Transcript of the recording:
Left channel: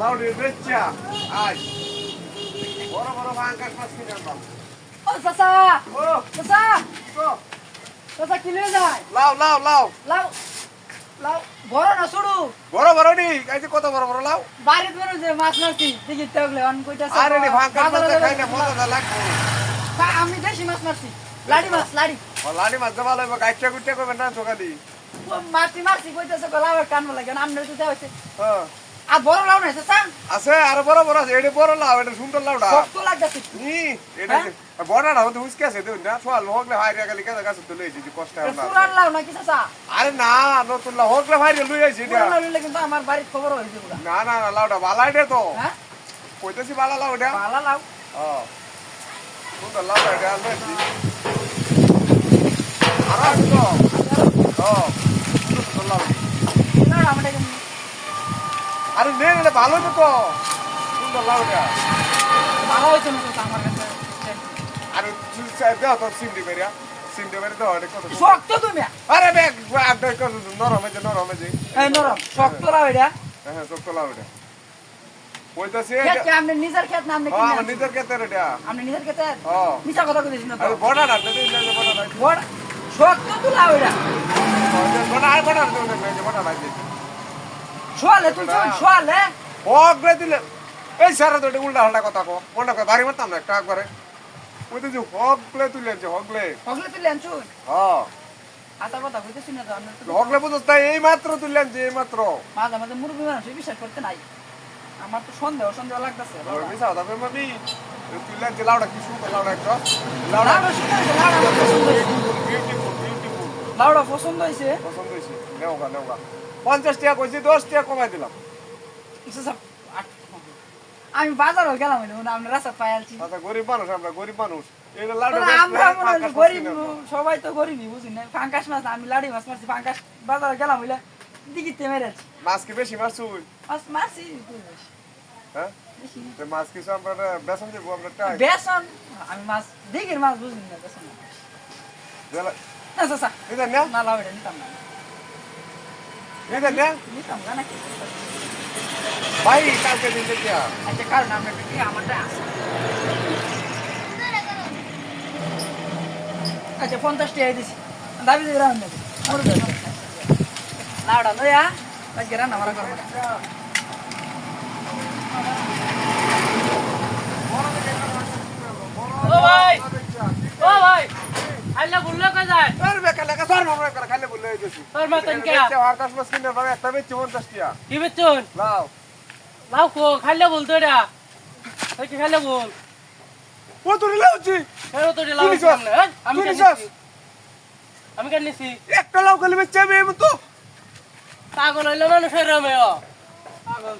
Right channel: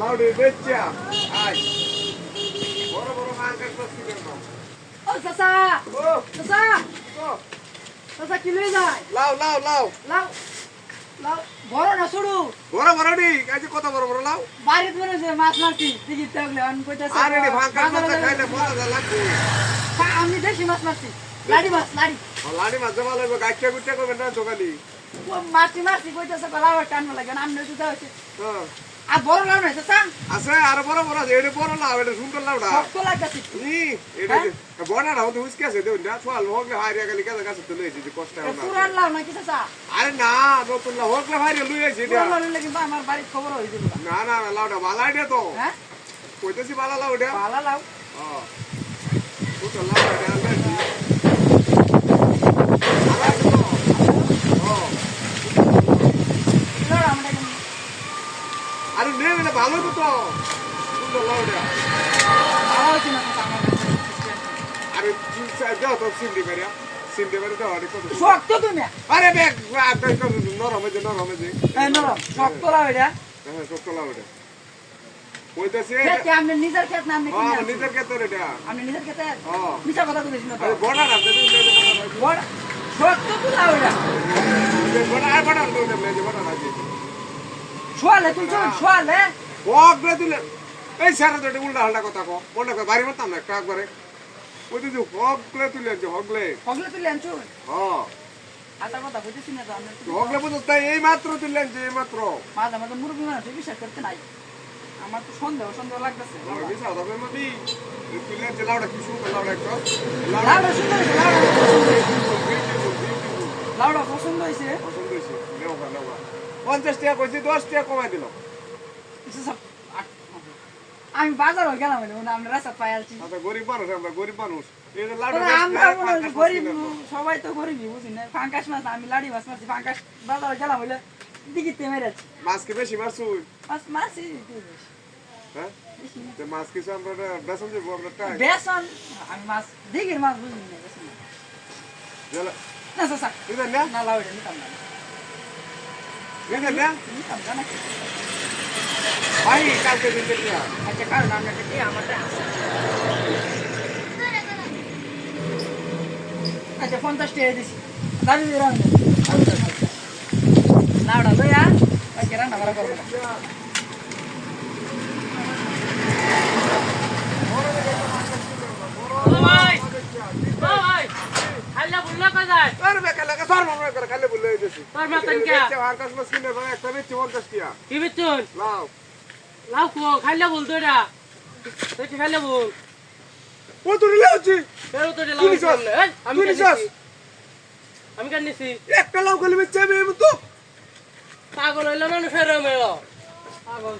লাউডি বেচ্চা আজ বড় বড় ভাঙ্গাস মাছ কিনে আনবা ও চাচা ও চাচা তো চাচা কি লয়ে যায় লাউ লাউ লাউ লাউ লাউ বড় না ছোড়ু বড় বড় ডি কাইতে কত বড় বড় লাউ বাড়িতে মনে যে মাছ মারছি দেখি তাহলে অন কইতাছে আরে ডি ভাঙ্গাস মাছ খাই না মজা লাগবে আমি দেশি মাছ মারছি লাড়ি মাছ লাড়ি ও লাডি মাছ জমা লাগবে গাইটা গুটে করবে না তো খালি মারছি মারছি কইতাছে লাউ টান লাগে না আমনে তো হইছে হ্যাঁ আর বড় লাউ নাই চাচা আছে আর বড় বড় আছে এডি বড় লাউ এডি সুন্দর লাউডা কত লাগতাছে নি এডি বড়টা হতে উস্কে আছে দেউ না ফল হোকলে হাইরিয়া গালি কাছে কাছে তুলে দিছি কষ্ট হয় না পুরান লাউ নাকি চাচা আরে না নতুন লাউ হোকলে হাইরিয়া লই আইছি এটা পুরান লাউ নিলে কিন্তু আমার বাড়ির খবর হই যাবে না না না লাউডা বালাই দে তো হ্যাঁ কইতেছি বালা লাউ এটা ভালো লাউ ও তো লাউ এটা আনছি আর তো ও লাউ আমরা কিন্তু আরে নে এটা ভালো তো তো সুন্দর লাউ এটা ভালো হইছে না চাচা আমার কাছে আরে তুই দাও তো সিন্ডি বেরিয়া সিন্ডি বেরিয়া তো আরে কত শক্ত তুমি আরে দেখ আরে কত নরম হয়েছে এই নরম শক্ত লাউ এটা হ্যাঁ কত লাউ এটা ওই তো সে খেত কি আপনি নিজের খেত না আপনি হ্যাঁ কিনে নিজের কেতে এটা আপনি নিজের খেতে হ্যাঁ মিছা কথা কইছিস না তো আরে বড়া না বেশি বড়া না বড় শক্ত তো লাউ এটা বড়া আর বড়া তো নেই যে বড়া নাই শোয়ালে তুই চল শোয়ালে হক বে দিলে এই সারা তো এটা উল্টা হাল্টা কথা কো কোনটা কো বাড়ি মারতাম না একটা একবারে ওই তো যে হক লে তুলে যে হক লে হগলে তুই লেনছু হ্যাঁ আতা কথা কইছিস না তো আপনি হক লে বুঝছ তাই এই মাত্র তুললেন যে এই মাত্র মাঝে মাঝে মুরগি মানুষ বিশ্বাস করতে নাই আমার তো সন্দেহ সন্দেহ লাগতেছে আর বিসা দাও মাটি তুললেন যে লাউডা কি শুরু লাউডা একটা লাউডা সুন্দর হইছে, লাউডা পছন্দ হয়েছে পছন্দ হয়েছে নেওয়া 50 টাকা কইছি 10 টাকা কমাই দিলাম আমি বাজারও গেলাম আমরা রাস্তা পাই আলছি আচ্ছা গরিব মানুষ আমরা গরিব মানুষ এটা লাউডা আমরা মনে হয় গরিব সবাই তো গরিবই বুঝি না ফাঙ্কাস মাছ আমি লাড়ি মাছ মারছি ফাঙ্কাস বাজারে গেলাম হইলে দিকিতে মেরেছি মাছ কি বেশি মাছ তুই মাছ মারছি হ্যাঁ তে মাছ কিছু আমরা বেসন দিব আমরা টাই বেসন আমি মাছ দিঘির মাছ বুঝি না বেসন না জলা চাচা এটা না না লাউডা নিতাম না এটা না নিতাম না নাকি ভাই কালকে দিতে না আচ্ছা কারণ আমরা কি আমারটা আছে আচ্ছা 50 টাকা দিছি দাবি দিলাম লাউডা লইয়া আচ্ছা রান্না ভালো করবো ও ভাই আল্লাহ বললো কোথায় আরে বেকা লাগা সর মামলা করে খালি বলে দিছি তোর মতন কে আকাশ মাছ কিনে ভাই একটা বেচি 50 টাকা কি বেচুন নাও লাউ কো খাইলে বলতো এটা কি খাইলে বল ও তো রিলে হচ্ছে এর তো লাউ তুই নিছাস? সামনে আমি তুই কেন নিছাস? নিছি আমি কেন নিছি একটা লাউ খালি বেচে আমি এমন তো পাগল হইলো মানে ফের আমি পাগল